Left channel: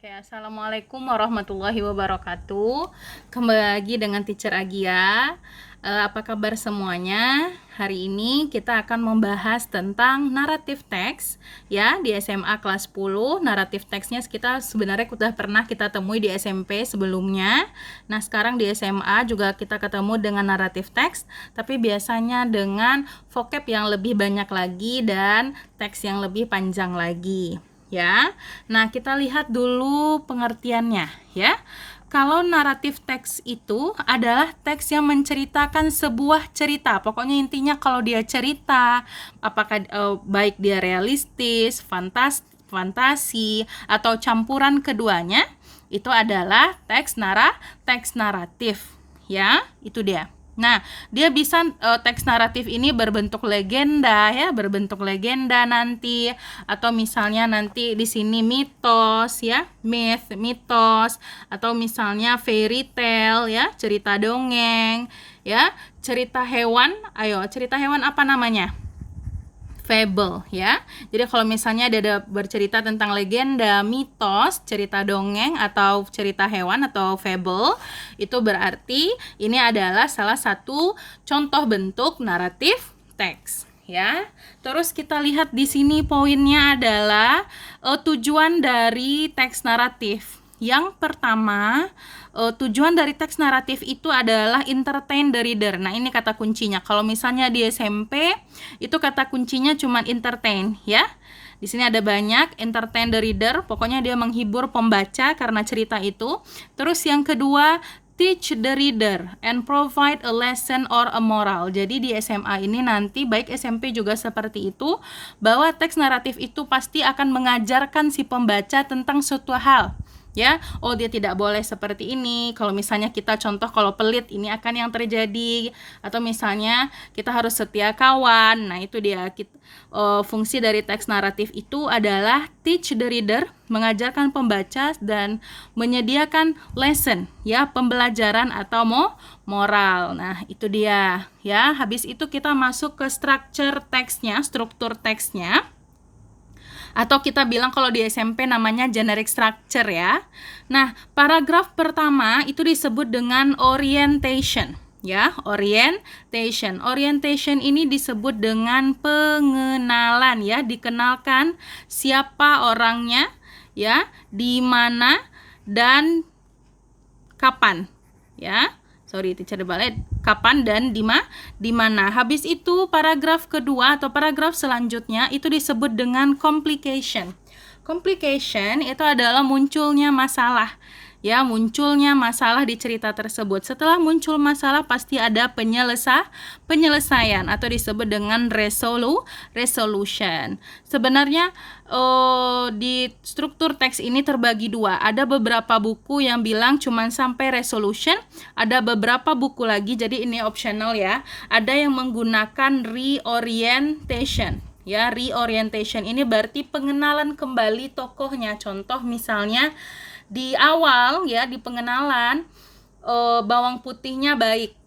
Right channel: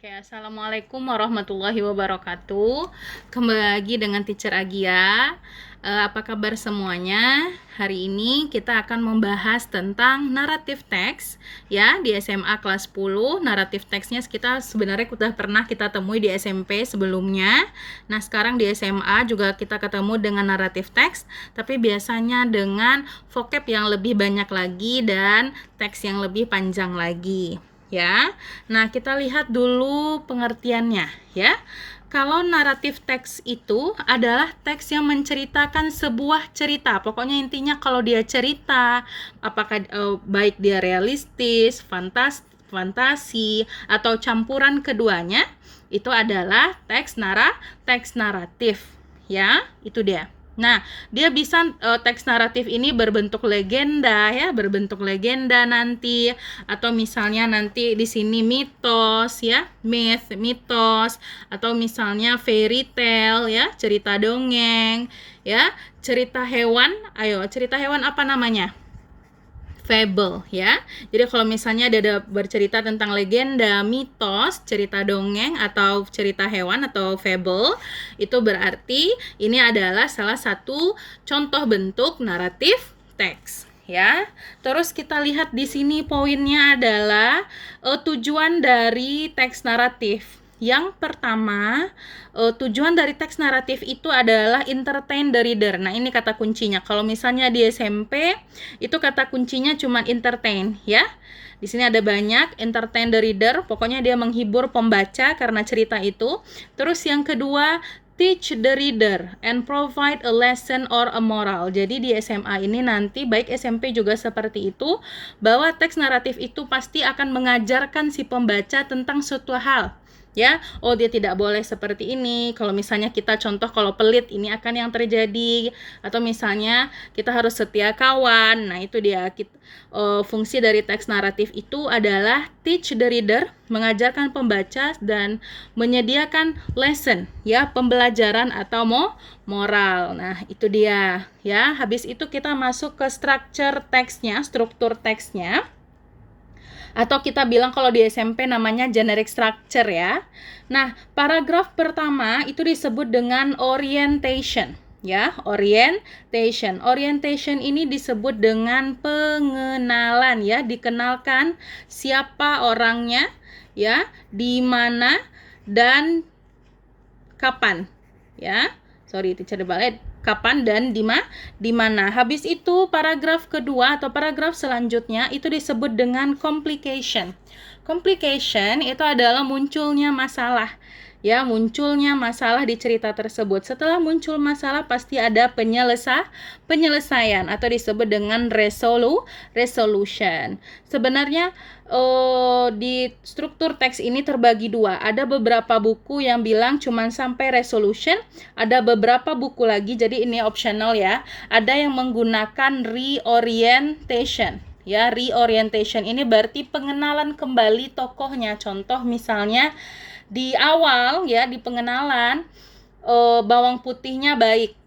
Oke, assalamualaikum warahmatullahi wabarakatuh. Kembali lagi dengan Teacher Agia. Apa kabar semuanya? Hari ini kita akan membahas tentang naratif teks, ya, di SMA kelas 10. Naratif teksnya kita sebenarnya sudah pernah kita temui di SMP sebelumnya. Nah, sekarang di SMA juga kita ketemu dengan naratif teks, tapi biasanya dengan vocab yang lebih banyak lagi dan teks yang lebih panjang lagi. Ya, nah kita lihat dulu pengertiannya, ya. Kalau naratif teks itu adalah teks yang menceritakan sebuah cerita. Pokoknya intinya kalau dia cerita, apakah baik dia realistis, fantasi atau campuran keduanya, itu adalah teks naratif, ya. Itu dia. Nah, dia bisa teks naratif ini berbentuk legenda, ya, berbentuk legenda nanti, atau misalnya nanti di sini mitos, ya, mitos, atau misalnya fairy tale, ya, cerita dongeng, ya, cerita hewan. Ayo, cerita hewan apa namanya? Fable, ya. Jadi kalau misalnya ada bercerita tentang legenda, mitos, cerita dongeng atau cerita hewan atau fable, itu berarti ini adalah salah satu contoh bentuk naratif teks, ya. Terus kita lihat di sini poinnya adalah tujuan dari teks naratif. Yang pertama, tujuan dari teks naratif itu adalah entertain the reader. Nah, ini kata kuncinya. Kalau misalnya di SMP, itu kata kuncinya cuma entertain, ya. Di sini ada banyak, entertain the reader, pokoknya dia menghibur pembaca karena cerita itu. Terus yang kedua, teach the reader and provide a lesson or a moral. Jadi di SMA ini nanti baik SMP juga seperti itu, bahwa teks naratif itu pasti akan mengajarkan si pembaca tentang suatu hal, ya. Oh, dia tidak boleh seperti ini. Kalau misalnya kita contoh, kalau pelit ini akan yang terjadi, atau misalnya kita harus setia kawan. Nah, itu dia. Fungsi dari teks naratif itu adalah teach the reader, mengajarkan pembaca, dan menyediakan lesson, ya, pembelajaran atau moral. Nah, itu dia, ya. Habis itu kita masuk ke structure teksnya, struktur teksnya, atau kita bilang kalau di SMP namanya generic structure, ya. Nah, paragraf pertama itu disebut dengan orientation, ya. Orientation ini disebut dengan pengenalan, ya, dikenalkan siapa orangnya, ya, di mana dan kapan, ya. Sorry, teacher balik. Kapan dan di mana. Habis itu paragraf kedua atau paragraf selanjutnya itu disebut dengan complication. Complication itu adalah munculnya masalah, ya, munculnya masalah di cerita tersebut. Setelah muncul masalah pasti ada penyelesaian atau disebut dengan resolution. Sebenarnya di struktur teks ini terbagi dua. Ada beberapa buku yang bilang cuman sampai resolution, ada beberapa buku lagi, jadi ini optional, ya. Ada yang menggunakan reorientation. Ya, reorientation ini berarti pengenalan kembali tokohnya. Contoh misalnya di awal, ya, di pengenalan bawang putihnya baik.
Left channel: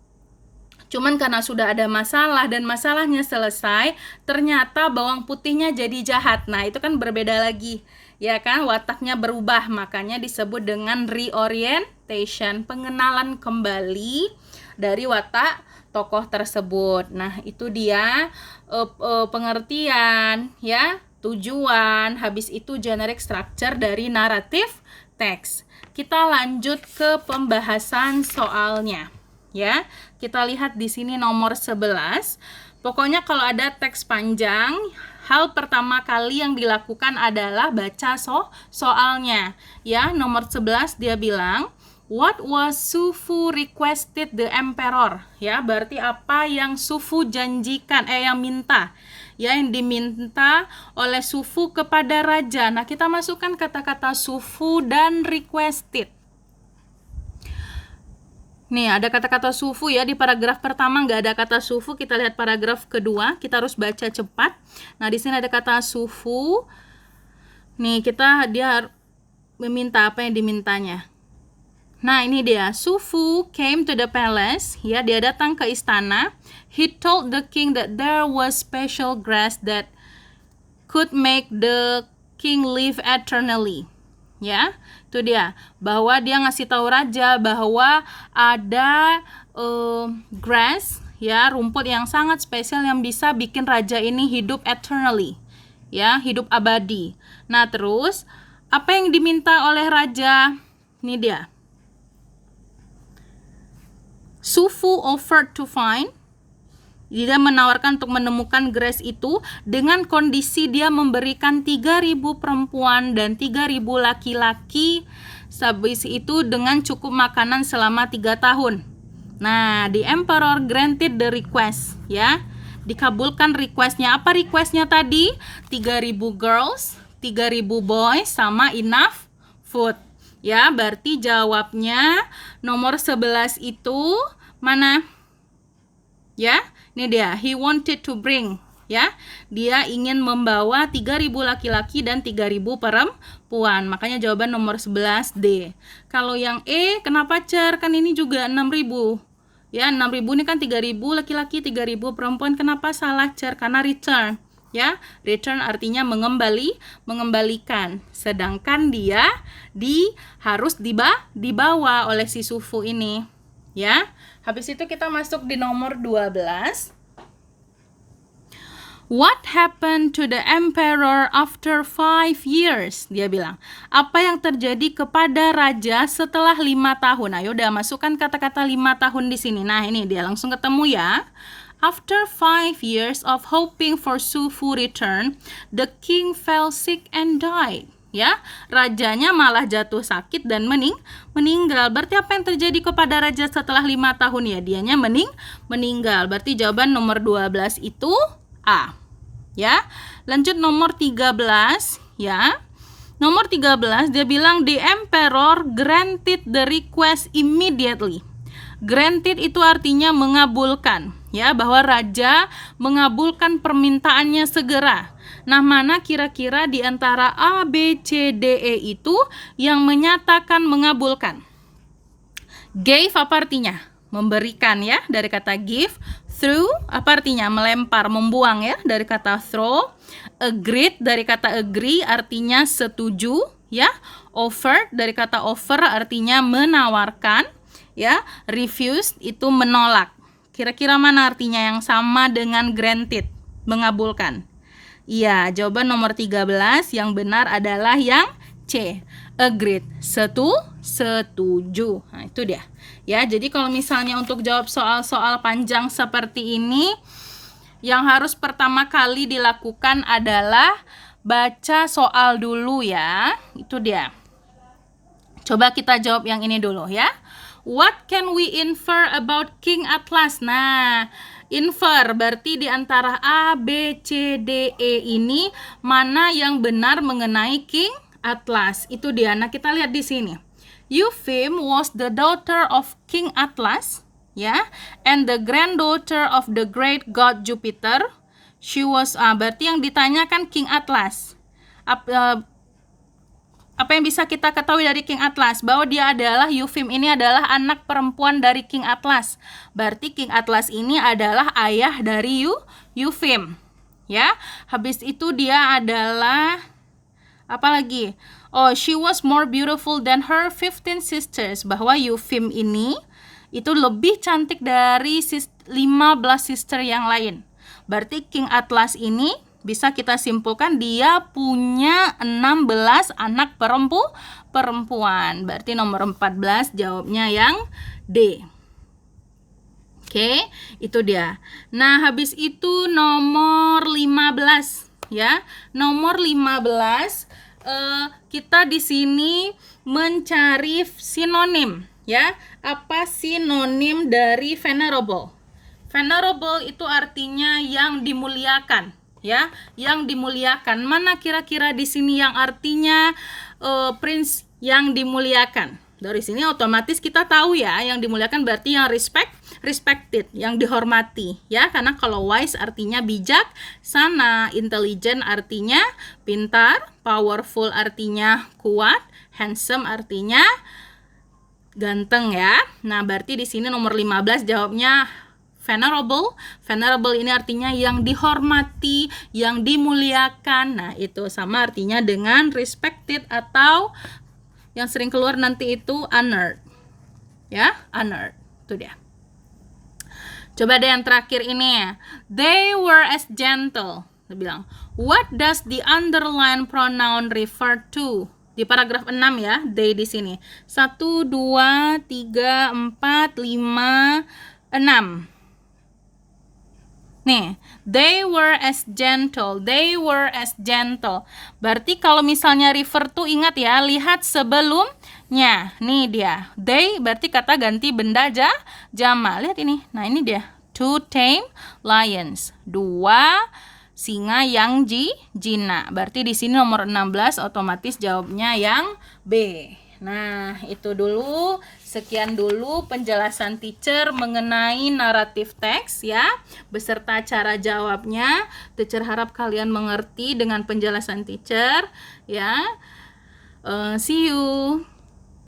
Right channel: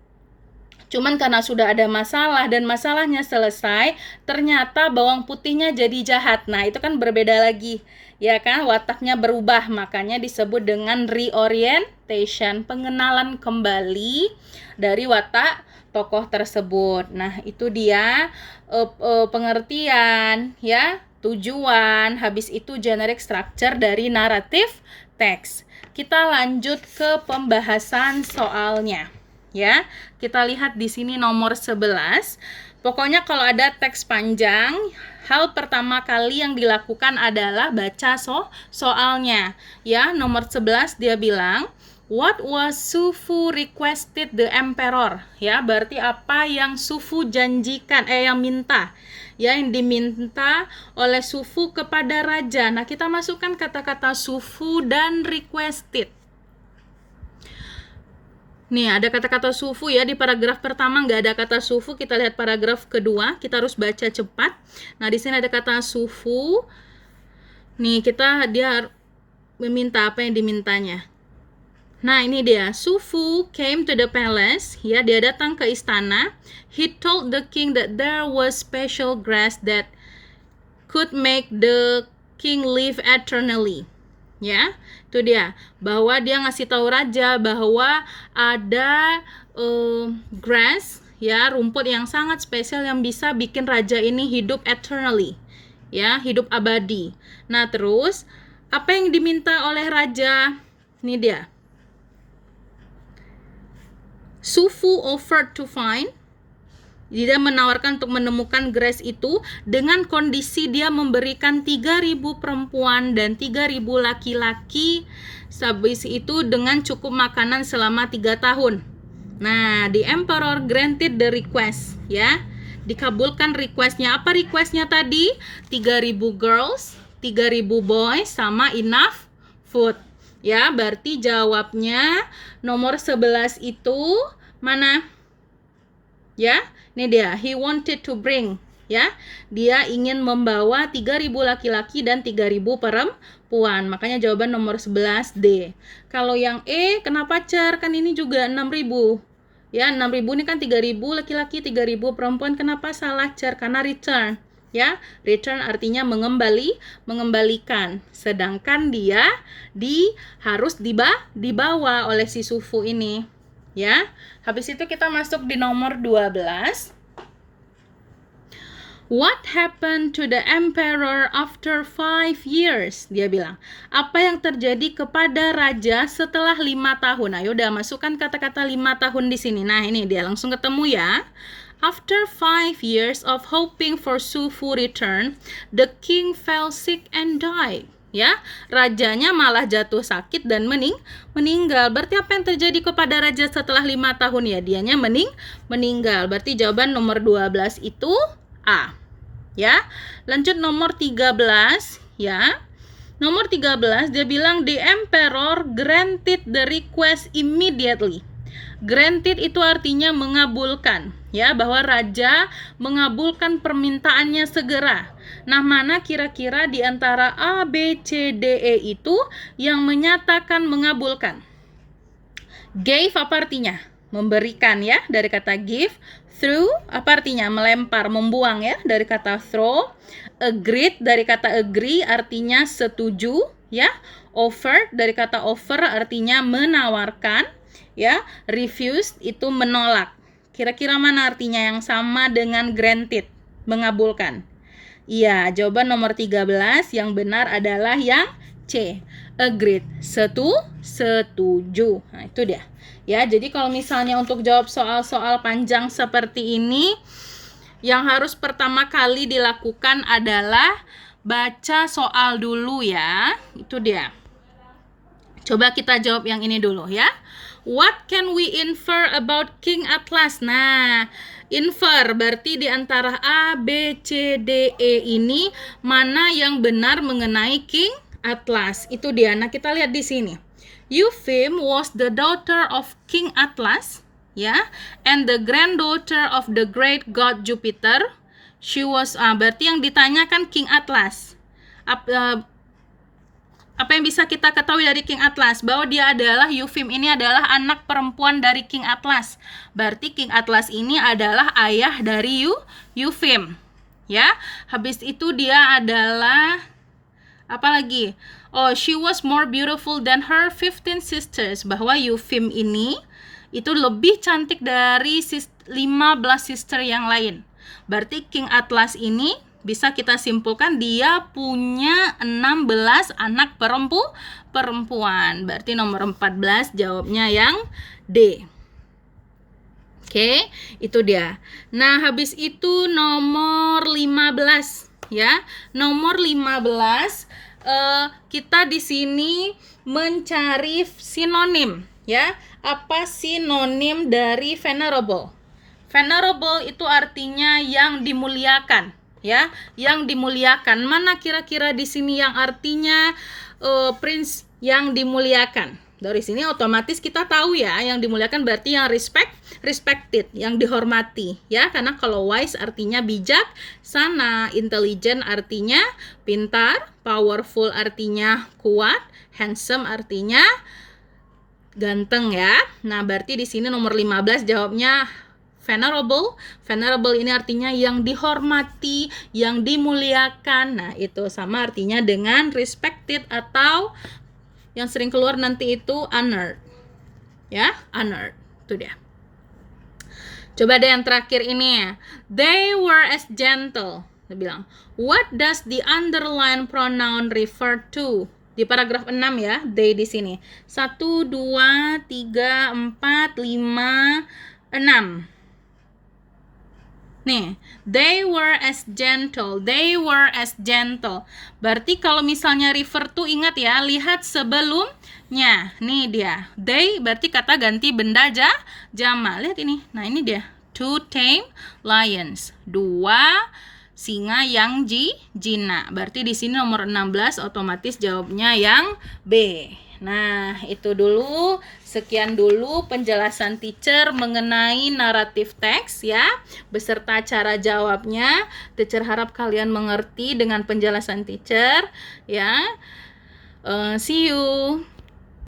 Cuman karena sudah ada masalah dan masalahnya selesai, ternyata bawang putihnya jadi jahat. Nah, itu kan berbeda lagi, ya kan? Wataknya berubah, makanya disebut dengan reorientation, pengenalan kembali dari watak tokoh tersebut. Nah, itu dia pengertian, ya, tujuan, habis itu generic structure dari naratif teks. Kita lanjut ke pembahasan soalnya, ya. Kita lihat di sini nomor 11. Pokoknya kalau ada teks panjang, hal pertama kali yang dilakukan adalah baca soalnya, ya. Nomor 11 dia bilang, what was Sufu requested the emperor? Ya, berarti apa yang Sufu janjikan, yang minta, ya, yang diminta oleh Sufu kepada raja. Nah, kita masukkan kata-kata Sufu dan requested. Nih, ada kata-kata sufu, ya, di paragraf pertama nggak ada kata sufu. Kita lihat paragraf kedua, kita harus baca cepat. Nah, di sini ada kata sufu. Nih, dia meminta apa yang dimintanya. Nah, ini dia. Sufu came to the palace, ya, dia datang ke istana. He told the king that there was special grass that could make the king live eternally. Ya, itu dia, bahwa dia ngasih tahu raja bahwa ada grass, ya, rumput yang sangat spesial yang bisa bikin raja ini hidup eternally, ya, hidup abadi. Nah, terus apa yang diminta oleh raja? Ini dia. Sufu offered to find. Dia menawarkan untuk menemukan grass itu dengan kondisi dia memberikan 3.000 perempuan dan 3.000 laki-laki. Habis itu dengan cukup makanan selama 3 tahun. Nah, the emperor granted the request, ya. Dikabulkan requestnya. Apa requestnya tadi? 3.000 girls, 3.000 boys, sama enough food. Ya, berarti jawabnya nomor 11 itu mana? Ya, ini dia. He wanted to bring, ya. Dia ingin membawa 3.000 laki-laki dan 3.000 perempuan. Makanya jawaban nomor 11 D. Kalau yang E, kenapa cer? Kan ini juga 6.000. Ya, 6.000 ini kan 3.000 laki-laki, 3.000 perempuan. Kenapa salah cer? Karena return. Ya, return artinya mengembalikan. Sedangkan dia harus dibawa oleh si Sufu ini. Ya. Habis itu kita masuk di nomor 12. What happened to the emperor after 5 years? Dia bilang, apa yang terjadi kepada raja setelah 5 tahun? Ayo udah masukkan kata-kata 5 tahun di sini. Nah, ini dia langsung ketemu ya. After 5 years of hoping for Sufu return, the king fell sick and died. Ya, rajanya malah jatuh sakit dan meninggal. Berarti apa yang terjadi kepada raja setelah 5 tahun ya? Dianya meninggal. Berarti jawaban nomor 12 itu A. Ya. Lanjut nomor 13, ya. Nomor 13 dia bilang the emperor granted the request immediately. Granted itu artinya mengabulkan, ya, bahwa raja mengabulkan permintaannya segera. Nah, mana kira-kira di antara A, B, C, D, E itu yang menyatakan mengabulkan? Gave apa artinya? Memberikan, ya, dari kata give. Throw apa artinya? Melempar, membuang, ya, dari kata throw. Agreed dari kata agree artinya setuju, ya. Offer dari kata offer artinya menawarkan, ya. Refused itu menolak. Kira-kira mana artinya yang sama dengan granted? Mengabulkan. Iya, jawaban nomor 13 yang benar adalah yang C. Agreed. Setuju. Nah, itu dia. Ya, jadi kalau misalnya untuk jawab soal-soal panjang seperti ini, yang harus pertama kali dilakukan adalah baca soal dulu ya. Itu dia. Coba kita jawab yang ini dulu ya. What can we infer about King Atlas? Nah, infer berarti di antara A, B, C, D, E ini mana yang benar mengenai King Atlas? Itu dia. Nah, kita lihat di sini. Eupheme was the daughter of King Atlas, ya, and the granddaughter of the great god Jupiter. She was berarti yang ditanyakan King Atlas. Apa yang bisa kita ketahui dari King Atlas? Bahwa dia adalah Eupheme ini adalah anak perempuan dari King Atlas. Berarti King Atlas ini adalah ayah dari Eupheme. Ya. Habis itu dia adalah apa lagi? Oh, she was more beautiful than her 15 sisters. Bahwa Eupheme ini itu lebih cantik dari 15 sister yang lain. Berarti King Atlas ini bisa kita simpulkan dia punya 16 anak perempuan. Berarti nomor 14 jawabnya yang D. Oke, itu dia. Nah, habis itu nomor 15 ya. Nomor 15 kita di sini mencari sinonim ya. Apa sinonim dari venerable? Venerable itu artinya yang dimuliakan. Ya, yang dimuliakan. Mana kira-kira di sini yang artinya prince yang dimuliakan? Dari sini otomatis kita tahu ya, yang dimuliakan berarti yang respected, yang dihormati, ya. Karena kalau wise artinya bijak, sana, intelligent artinya pintar, powerful artinya kuat, handsome artinya ganteng ya. Nah, berarti di sini nomor 15 jawabnya venerable. Venerable ini artinya yang dihormati, yang dimuliakan. Nah, itu sama artinya dengan respected atau yang sering keluar nanti itu unearned. Ya, unearned. Itu dia. Coba deh yang terakhir ini. They were as gentle. Dia bilang, what does the underlined pronoun refer to? Di paragraf 6 ya, they di sini. 1, 2, 3, 4, 5, 6. Nih, they were as gentle. They were as gentle. Berarti kalau misalnya refer to, ingat ya, lihat sebelumnya. Nih dia. They berarti kata ganti benda jama. Lihat ini. Nah, ini dia. 2 tame lions. 2 singa yang jina. Berarti di sini nomor 16 otomatis jawabnya yang B. Nah, itu dulu. Sekian dulu penjelasan teacher mengenai naratif teks ya, beserta cara jawabnya. Teacher harap kalian mengerti dengan penjelasan teacher ya. See you.